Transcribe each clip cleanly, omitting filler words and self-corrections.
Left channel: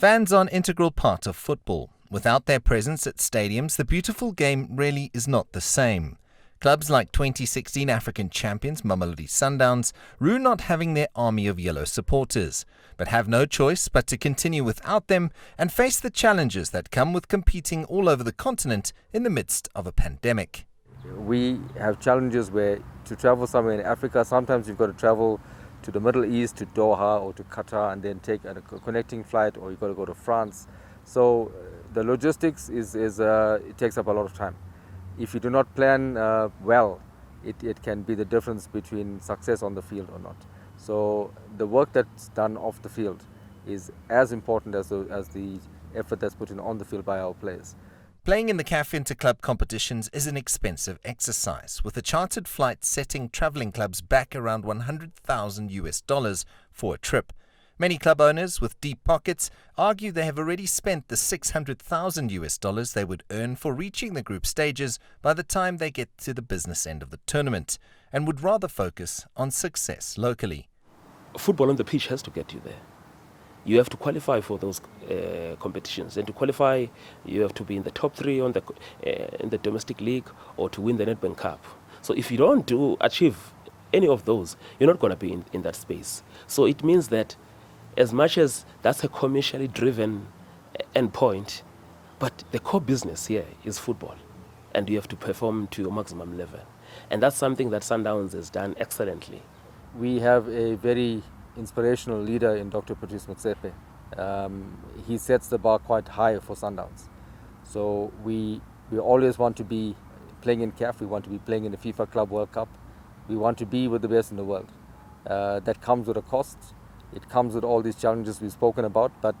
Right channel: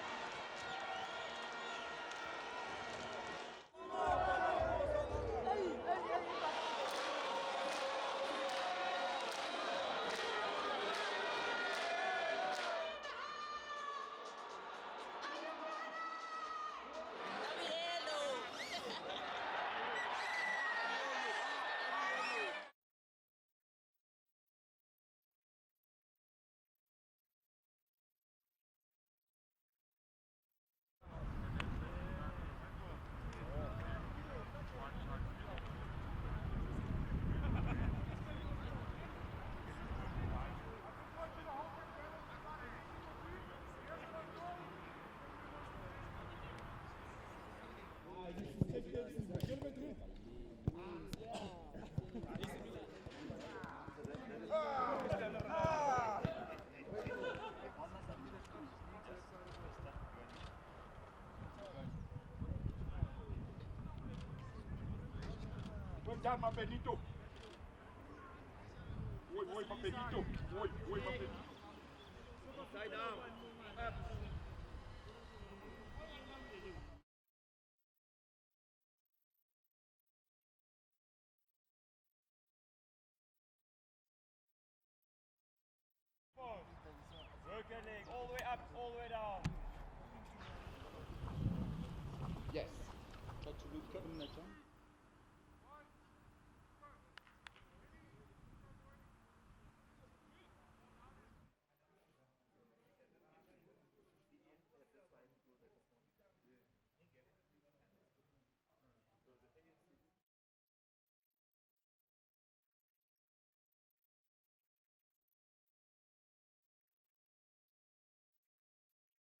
Fans are an integral part of football. Without their presence at stadiums, the beautiful game really is not the same. Clubs like 2016 African champions Mamelodi Sundowns rue not having their army of yellow supporters, but have no choice but to continue without them and face the challenges that come with competing all over the continent in the midst of a pandemic. We have challenges where to travel somewhere in Africa, sometimes you've got to travel to the Middle East, to Doha or to Qatar, and then take a connecting flight, or you've got to go to France. So the logistics it takes up a lot of time. If you do not plan well, it can be the difference between success on the field or not. So the work that's done off the field is as important as the effort that's put in on the field by our players. Playing in the CAF Interclub competitions is an expensive exercise, with a chartered flight setting travelling clubs back around $100,000 for a trip. Many club owners with deep pockets argue they have already spent the $600,000 they would earn for reaching the group stages by the time they get to the business end of the tournament, and would rather focus on success locally. Football on the pitch has to get you there. You have to qualify for those competitions, and to qualify you have to be in the top 3 in the domestic league or to win the Nedbank Cup. So if you don't achieve any of those, you're not going to be in that space. So it means that as much as that's a commercially driven endpoint, but the core business here is football, and you have to perform to your maximum level, and that's something that Sundowns has done excellently. We have a very inspirational leader in Dr. Patrice Motsepe. He sets the bar quite high for Sundowns. So we always want to be playing in CAF, we want to be playing in the FIFA Club World Cup, we want to be with the best in the world. That comes with a cost, it comes with all these challenges we've spoken about, but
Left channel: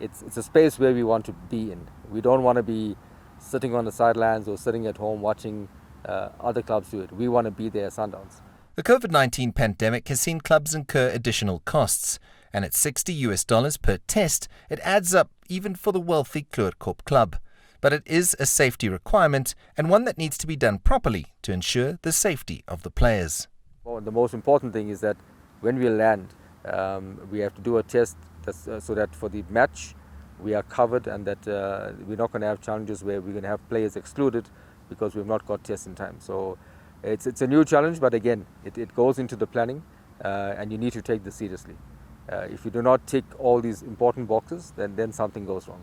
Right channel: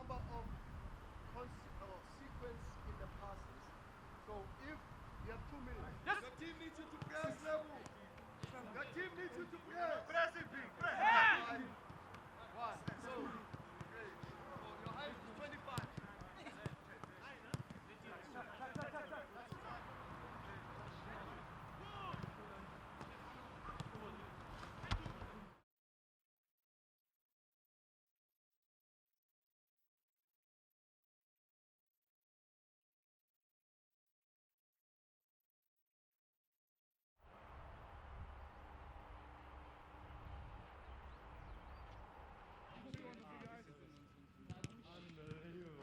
it's a space where we want to be in. We don't want to be sitting on the sidelines or sitting at home watching other clubs do it. We want to be there as Sundowns. The COVID-19 pandemic has seen clubs incur additional costs, and at $60 per test, it adds up even for the wealthy Kleurkop club. But it is a safety requirement, and one that needs to be done properly to ensure the safety of the players. The most important thing is that when we land, we have to do a test so that for the match we are covered, and that we're not going to have challenges where we're going to have players excluded because we've not got tests in time. So it's a new challenge, but again, it goes into the planning, and you need to take this seriously. If you do not tick all these important boxes, then something goes wrong.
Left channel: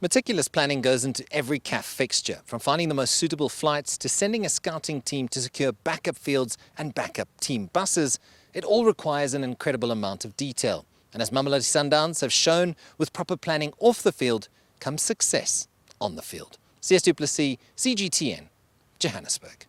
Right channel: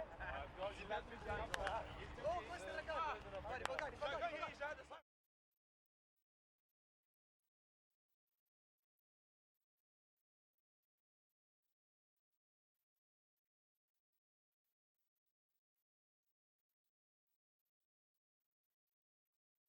Meticulous planning goes into every CAF fixture, from finding the most suitable flights to sending a scouting team to secure backup fields and backup team buses. It all requires an incredible amount of detail. And as Mamelodi Sundowns have shown, with proper planning off the field comes success on the field. CS Du Plessis, CGTN, Johannesburg.